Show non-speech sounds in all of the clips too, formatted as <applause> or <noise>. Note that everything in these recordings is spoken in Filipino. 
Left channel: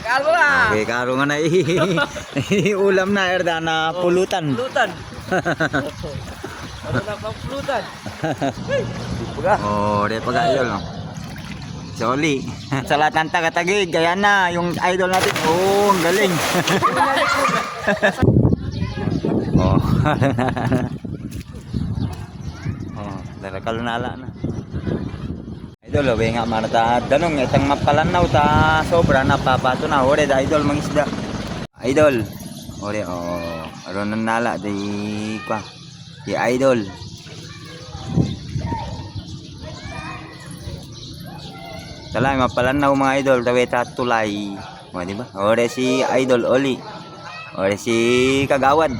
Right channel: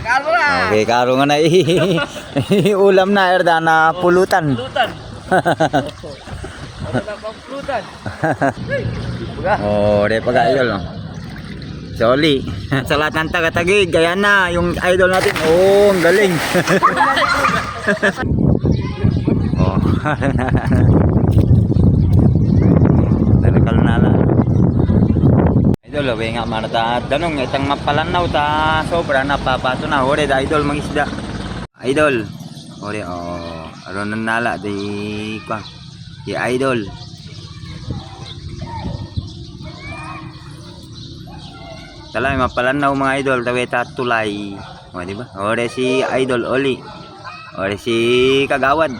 Karo na. Okay, karo nga na <laughs> ulam na erda na pulutan. Pulutan. Ano na pang pulutan? <laughs> Oh, de pag idol. oh. Soli. Sa lahat ng taga-tagig, kaya na yung idol natin. Oh, ang galing. <laughs> oh. Tarakal na lang. Idol, oh, nga marata danong itang mapalanaw ta sobra na papato na ore da idol mangisda. Idol. Ore oh, aron nan nala di kwa. Di idol. Talay mapalanaw mga idol taweta tulay. O di ba? Ore si idol Oli. Ore si Kagawad.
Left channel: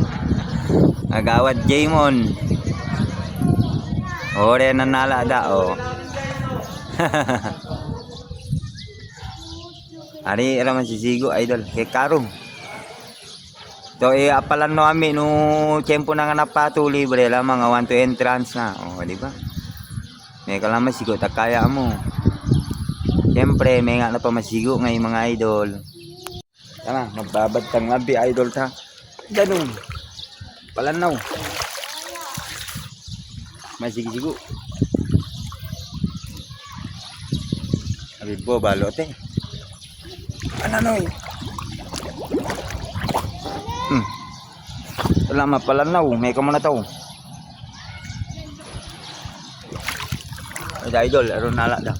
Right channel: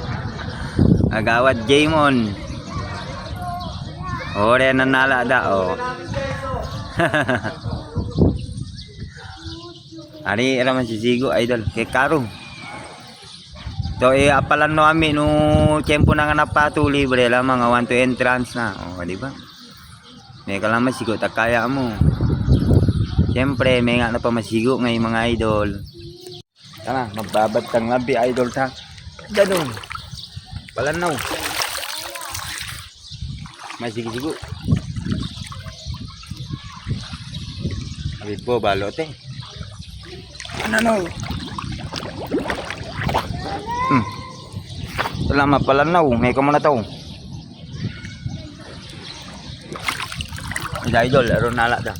<laughs> Kagawad Jamon. Ore nanala da o. <laughs> Ari era man si Zigo idol kay Karo. To eh apalan no ami no tempo na nga napatuli bre la mga one to entrance na. O di ba? May kalaman sigo tak kaya mo. Siyempre, may nga na pa masigo ngay mga idol. Tara, magbabad kang labi idol ta. Ganun. Palanaw. Masigi-sigo. Abid po, balote. Ano noy? Hmm. Salamat palanaw. May ka muna to. Ay, idol, aron nala da.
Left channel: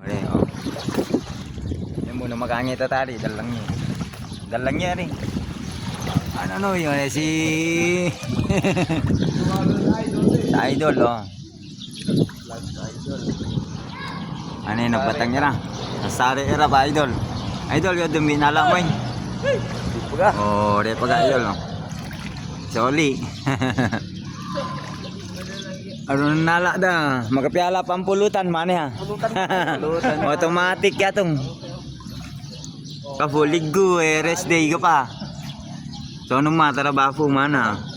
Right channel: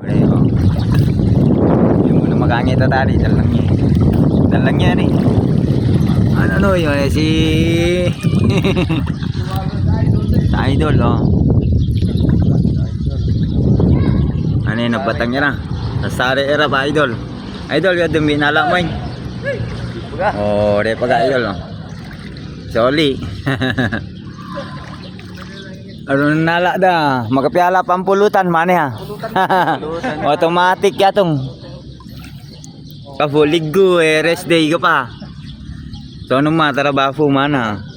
Ore, oh. Yung muna makangit na tadi, dalang niya. Dalang niya ni. Ano no, yun, eh, si... <laughs> sa idol, oh. Ano yun, nagbatang niya na. Nasari era pa, idol. Idol, yun, dumi nala mo yun. Baga. Oh, re pag idol, oh. Soli. <laughs> Ano nala da, magapyala pampulutan mani ha. Pulutan. <laughs> Automatic yatong. Kafuligo eh, rest day ka pa. So anong matrabaho mana?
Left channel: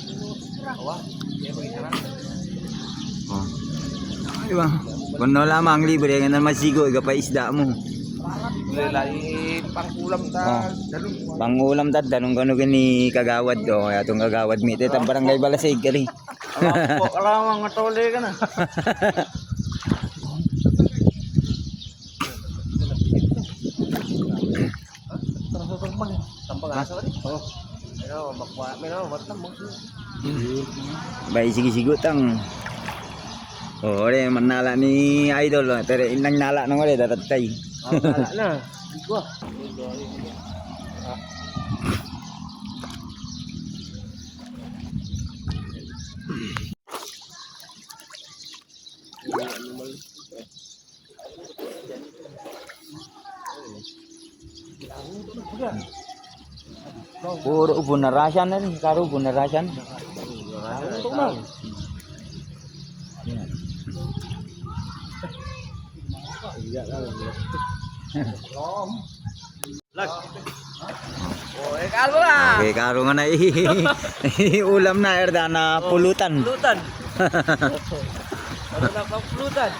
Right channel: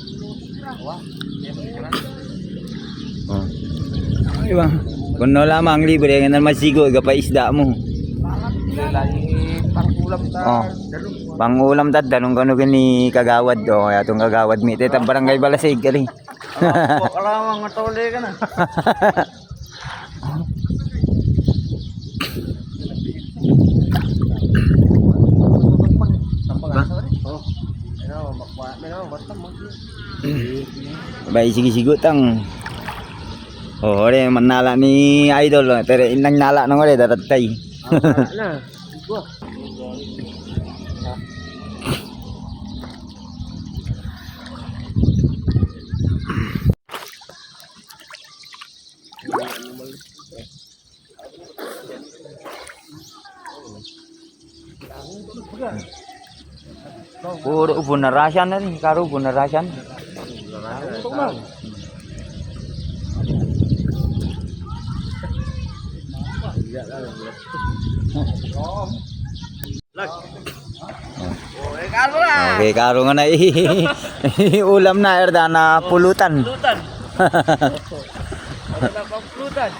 Ay ba? Kung no lamang libre, nga naman masigo, iga pa isda mo. Lagi pang ulam ta. Oh. Dalong. Pangulam dad, danong gano gani kagawad do, kaya itong kagawad mi, ito barangay balasig kali. Alam ko, alam mga tole ka na. Oh. Bay sige sigo tang. Oh, ore manala ni idol, oh. pero inang nala nang ore daratay. Wala na. Igwa. Puro bunarasan na rin, karo bunarasan. Ito na. Lag. Oh, eh karo na. Okay, karo nga na <laughs> ulam na erda na pulutan. Pulutan. <laughs> Na pang pulutan?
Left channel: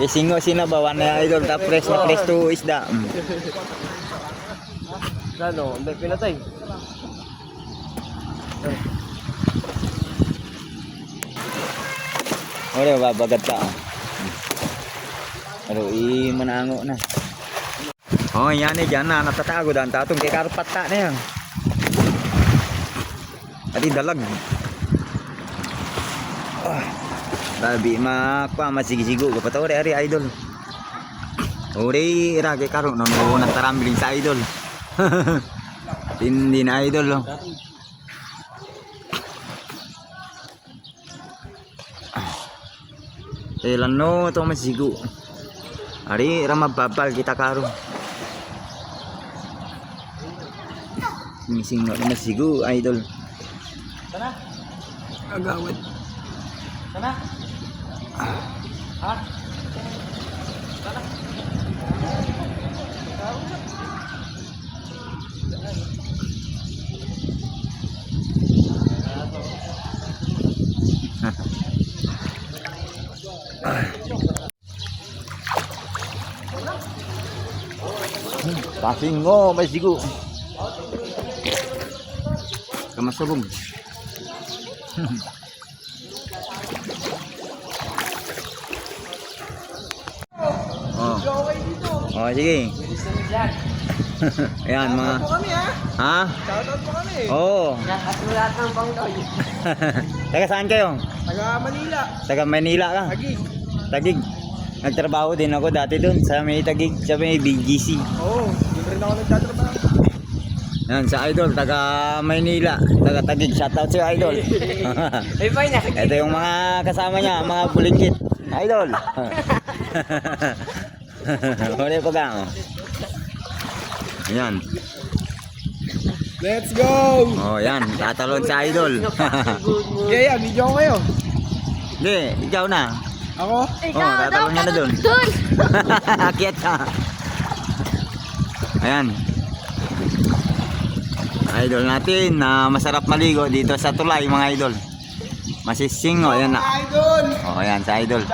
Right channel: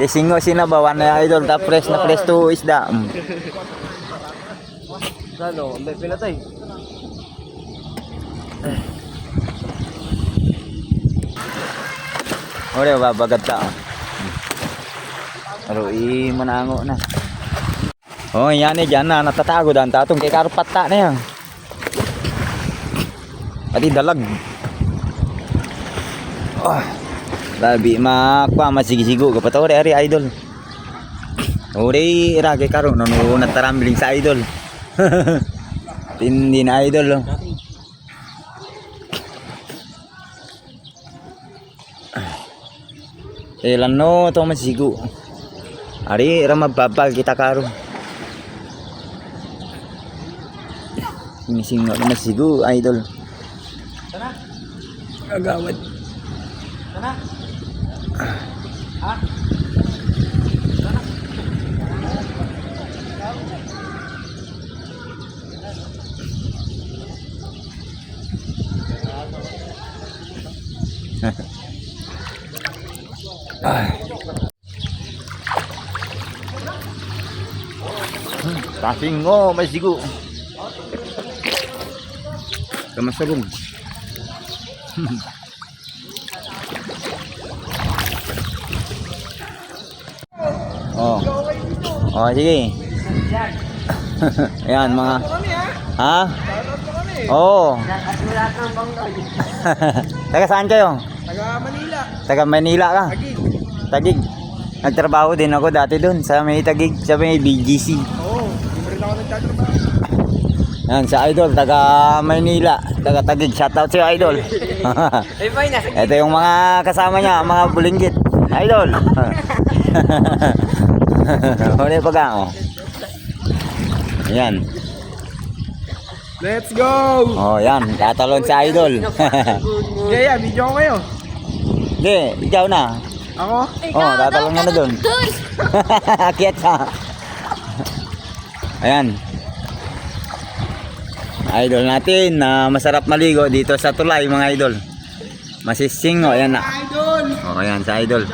Kisingo sinabawan na idol ta fresh na fresh to isda. Mm. Ano, ang pinatay. Ore babagat ta. Pero i manango na. Oh, yan eh, dyan na, natatago dan tatong kay karpat ta na yan. Pati dalag. Oh, labi makwa masigisigo ka pa to, ore, ore, idol. Ore, iragay karon no, no, natarambiling sa idol. <laughs> Tindi na idol, oh. Ilan no, ito masigo. Ari, ra mababal kita karo. Missing no, masigo, idol. Sana? Agawad. Sana? Ha? Sana? Kasing oh, may sigo. Kamasarong. <laughs> oh. Oh, sige. <laughs> Ayan mga ha. ha? Shoutout po kami. Oo. Nakasulat ng bangdoy. <laughs> Taga saan kayo? Taga Manila. Taga Manila ka? Tagig. Tagig. Nagtrabaho din ako dati doon sa may Tagig, sa may BGC. Oo. Rin ako nagtatrabaho. Yan, sa Idol, taga Maynila, taga Tagig. Shoutout sa'yo, Idol. <laughs> Ay, fine na. <laughs> Ito yung mga kasama niya, mga bulinggit. Idol. <laughs> Huli pa ka, oh. Yan. Let's go! Oh, yan. Tatalon sa Idol. Yeah, yeah. Video ko kayo. Hindi, ikaw na. Ako? Oh, tatalon ka na doon. Akyat ka. Ayan. Idol natin na masarap maligo dito sa tulay mga idol. Masising oh, ayan na. Oh, ayan sa idol.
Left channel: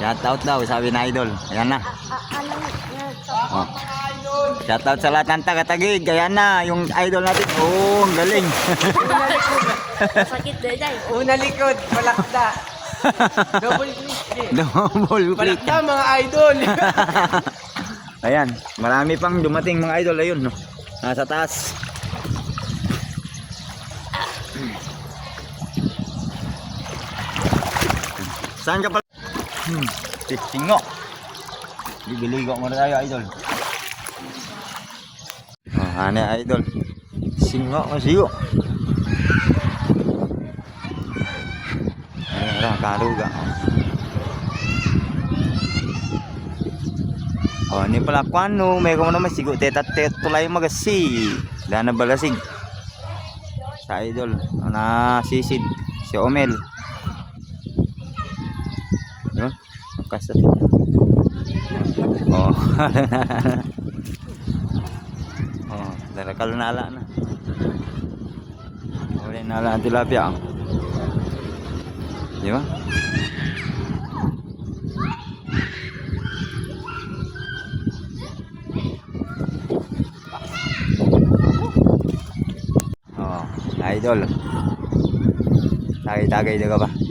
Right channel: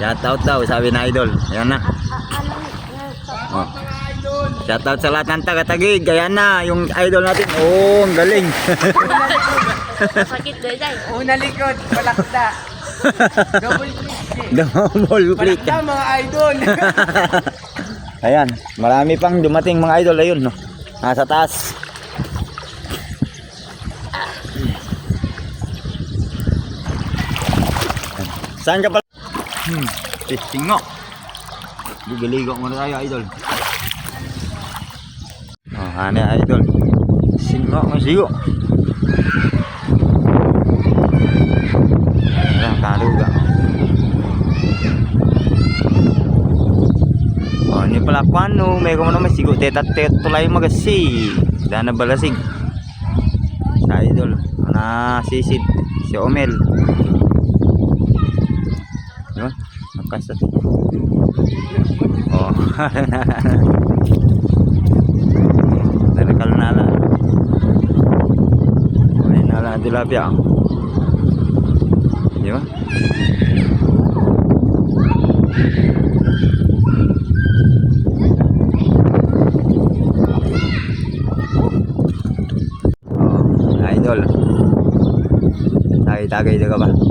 Shout out daw sabi na idol. Ayan na. Oh. Shout out sa lahat ng taga-tagig. Ayan na yung idol natin. Oh, ang galing. Sakit din dyan. Una likod, palakda. <laughs> Double click. Double click. Palakda mga idol. <laughs> Ayan, marami pang dumating mga idol ayun no. Nasa taas. Saan ka pala? Hmm, pistingo. Gigiligo muna tayo idol. Oh, hane idol. Singo, masigo. Ayan, karuga. Oh, ni pala kwano, may ko naman sigo teta tulay magasi. Dana balasig. Sa idol, na sisid si Omel. Yo, nakasa. Oh. <laughs> Tarakal na ala. May nala tilapia. oh. Di ba? Oh, idol. Tagay-tagay na ka ba?